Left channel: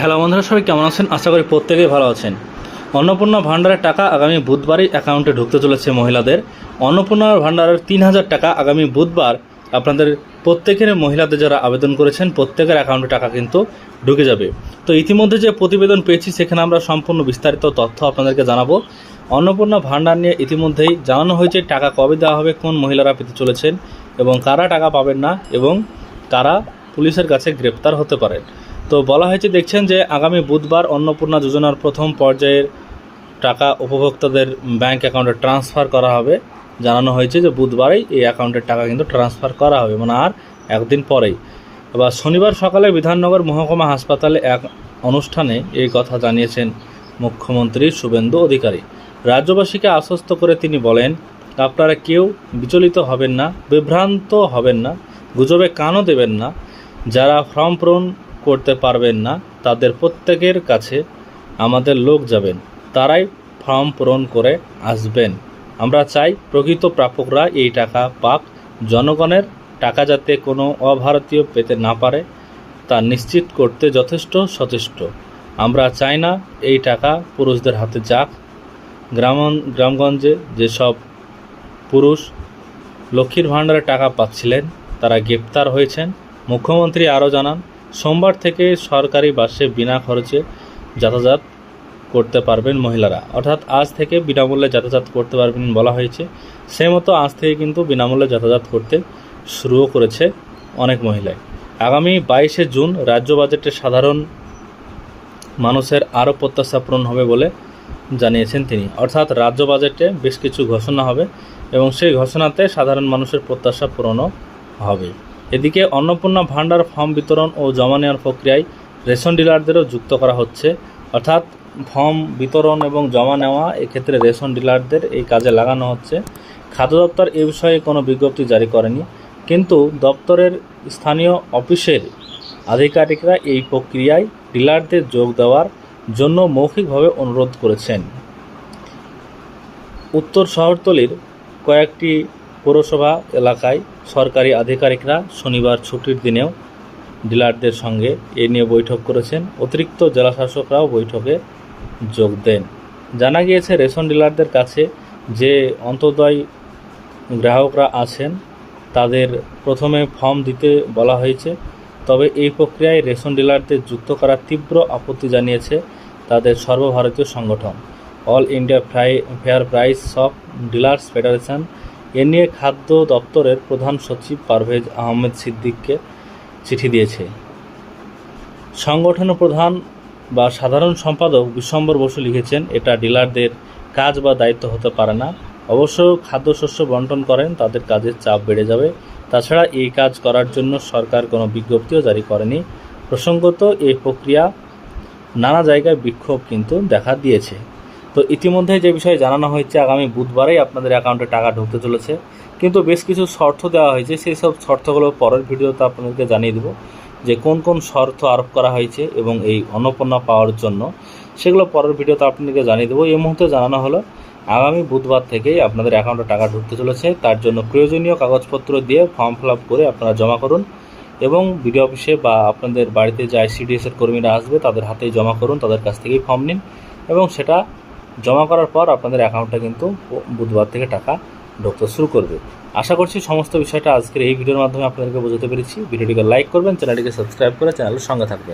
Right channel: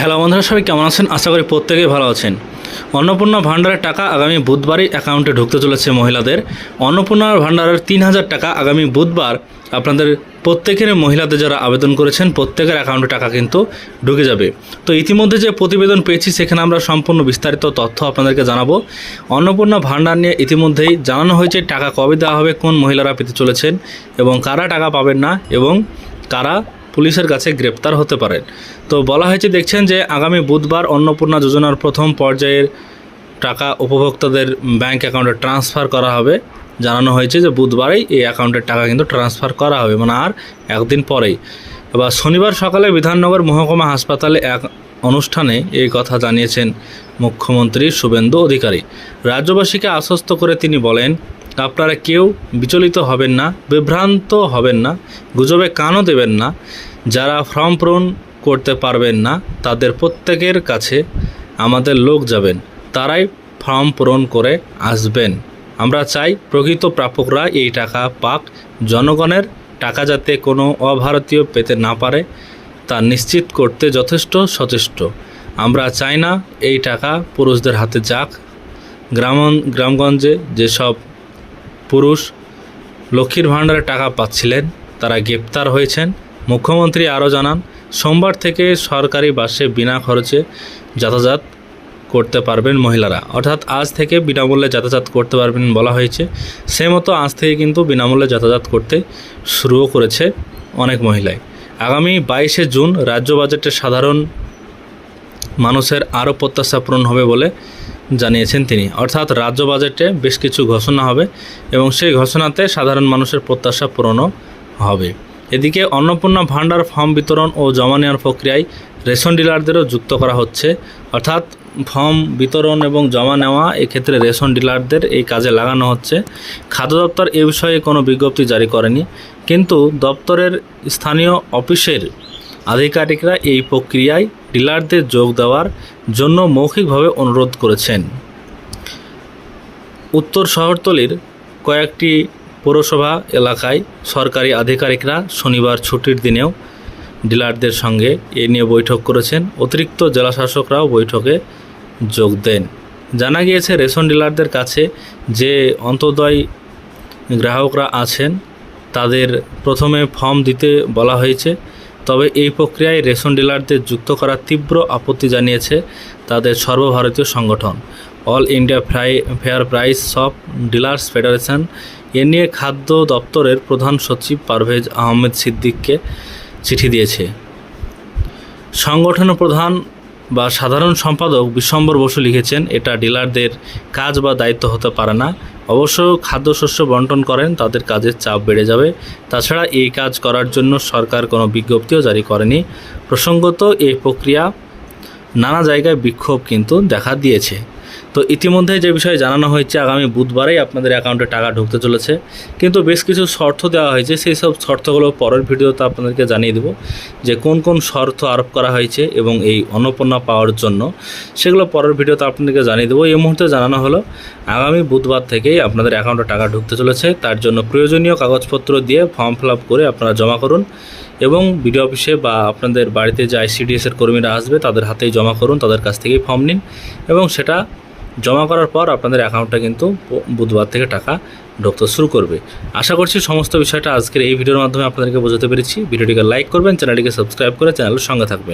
Hello বন্ধুরা, সবাই কেমন আছেন? আশা করি প্রত্যেকেই ভালো আছেন। অন্নপূর্ণা ভাণ্ডারের টাকা আগামী বুধবারই অ্যাকাউন্টে ঢুকতে চলেছে মহিলাদের। অন্নপূর্ণা ভাণ্ডারের ৩,০০০ টাকা আগামী বুধবার আপনাদের প্রত্যেকের মহিলাদের যারা আবেদন করেছেন প্রত্যেকের অ্যাকাউন্টে টাকা কিন্তু ঢুকে যাবে। তো ইতিমধ্যে যে প্রতিবেদন পেয়েছি সেখানে আমরা সম্পূর্ণ বিস্তারিত তথ্য আপনাদেরকে জানাবো। অন্নপূর্ণা ভাণ্ডার নিয়ে ইতিমধ্যেই জানানো হয়েছে টাকা কবে দেওয়া হবে, কোন মহিলারা পেতে চলেছেন এবং কারা টাকা পাবেন না এবং কারা পুলিশের কাছে গ্রেপ্তার হতে পারেন। তো বলা হয়েছে, দেখছেন যে আগামী বুধবার অন্নপূর্ণা যোজনার প্রথম পর্যায়ের টাকা উপভোক্তাদের ব্যাংক অ্যাকাউন্টে ট্রান্সফার করা হবে। জানানো হয়েছে যে বুধবারেই এই অ্যাকাউন্টের টাকা কিন্তু ট্রান্সফার করা হবে, মানে আর একদিন পরেই। এবার শনিবার সকালে বিধাননগর মহকুমা হাসপাতালে এক অনুষ্ঠানে এই কথা জানিয়েছেন মুখ্যমন্ত্রী শুভেন্দু অধিকারী। রাজ্যবাসীকে আশ্বস্ত করে তিনি বলেন, আপনারা কেউ বিচলিত হবেন না, বিভ্রান্ত হবেন না, গুজবে কানও দেবেন না। যারা ফর্ম পূরণ করতে পারবেন না তাদের প্রত্যেকের কাছে আমাদের লোক যাবেন, তারাই ফর্ম পূরণ করে আসবেন। আমরা চাই প্রকৃত প্রাপকরা এই টাকা পাক। জনগণের টাকা যাতে কোনো অভারতীয় পেতে না পারে তা নিশ্চিত করতে যথেষ্ট সচেষ্ট। আমরা চাই না এই টাকা পুরুষদের হাতে যাক। গ্রামগঞ্জে যেসব পুরুষ লক্ষ্মীর ভাণ্ডারে টাকা পাচ্ছিলেন তারা গ্রেপ্তার হয়েছেন। মুখ্যমন্ত্রী আরও জানান, সোমবার থেকে সরকারি বাসে বিনা খরচে যাতায়াত করতে পারবেন মহিলারা। অর্থাৎ আজ থেকে বিনামূল্যে যাতায়াত করতে পারবেন বলা হয়েছে। সে মতো আজ থেকে কিন্তু বিনামূল্যে যাতায়াত করতে শুরুও করেছে অনেক মহিলাই। আগামী 22শে জুন রাজ্য বাজেটে সাধারণ মানুষের আরও প্রত্যাশা পূরণ হবে বলে জানিয়েছেন তিনি। অর্থাৎ রাজ্য বাজেটে বেশ কিছু ঘোষণা হবে এবং সেই ঘোষণাতে সাধারণ মানুষের প্রত্যাশা পূরণও হবে। এদিকে অন্নপূর্ণা ভাণ্ডার ফর্ম বিতরণ ও জমা নেওয়ার প্রক্রিয়ায় রেশন ডিলারদেরও যুক্ত করা হচ্ছে। অর্থাৎ ফর্ম বিতরণ এবং জমা নেওয়া এক্ষেত্রে রেশন ডিলারদের এই কাজে লাগানো হচ্ছে। খাদ্য দপ্তর এ বিষয়ে কোনো বিজ্ঞপ্তি জারি করেনি, কিন্তু দপ্তরের স্থানীয় অফিসের আধিকারিকরা এই প্রক্রিয়ায় ডিলারদের যোগ দেওয়ার জন্য মৌখিকভাবে অনুরোধ করেছেন। উত্তর শহরতলির কয়েকটি পৌরসভা এলাকায় সরকারি আধিকারিকরা শনিবার ছুটির দিনেও ডিলারদের সঙ্গে এ নিয়ে বৈঠক করেছেন। অতিরিক্ত জেলাশাসকরাও বৈঠকে যোগ দেন। জানা গিয়েছে, রেশন ডিলারদের কাছে যে অন্তোদয় গ্রাহকরা আছেন তাদের প্রথমে ফর্ম দিতে বলা হয়েছে। তবে এই প্রক্রিয়ায় রেশন ডিলারদের যুক্ত করার তীব্র আপত্তি জানিয়েছে তাদের সর্বভারতীয় সংগঠন all India fair price shop dealers federation. এ নিয়ে খাদ্য দপ্তরের প্রধান সচিব পারভেজ আহমেদ সিদ্দিককে চিঠি দিয়েছে। সংগঠনের প্রধান বা সাধারণ সম্পাদক বিশ্বম্বর বসু লিখেছেন, এটা ডিলারদের কাজ বা দায়িত্ব হতে পারে না। অবশ্য খাদ্যশস্য বন্টন করেন, তাদের কাজের চাপ বেড়ে যাবে। তাছাড়া এই কাজ করার জন্য সরকার কোনো বিজ্ঞপ্তিও জারি করেনি। প্রসঙ্গত এই প্রক্রিয়া নানা জায়গায় বিক্ষোভ কিন্তু দেখা দিয়েছে। তো ইতিমধ্যে যে বিষয়ে জানানো হয়েছে, আগামী বুধবারেই আপনাদের অ্যাকাউন্টে টাকা ঢুকতে চলেছে, কিন্তু বেশ কিছু শর্ত দেওয়া হয়েছে। সেই সব শর্তগুলো পরের ভিডিওতে আপনাদেরকে জানিয়ে দেব যে কোন কোন শর্ত আরোপ করা হয়েছে এবং এই অন্নপূর্ণা পাওয়ার জন্য, সেগুলো পরের ভিডিওতে আপনাদেরকে জানিয়ে দেবো। এই মুহূর্তে জানানো হলো আগামী বুধবার থেকেই আপনাদের অ্যাকাউন্টে টাকা ঢুকতে চলেছে। তার জন্য প্রয়োজনীয় কাগজপত্র দিয়ে ফর্ম ফিল আপ করে আপনারা জমা করুন এবং বিডিও অফিসে বা আপনাদের বাড়িতে যে ICDS-এর কর্মীরা আসবে তাদের হাতেই জমা করুন, তাদের কাছ থেকেই ফর্ম নিন এবং সেটা জমা করার পর আপনাদের অ্যাকাউন্টে কিন্তু বুধবার থেকে টাকা ঢুকতে শুরু করবে। আশা করছি সমস্ত বিষয়টা আজকের এই ভিডিওর মাধ্যমে আপনাদেরকে বোঝাতে পেরেছি। ভিডিওটিকে লাইক করবেন, চ্যানেলটিকে সাবস্ক্রাইব করে চ্যানেলের সঙ্গে থাকবেন।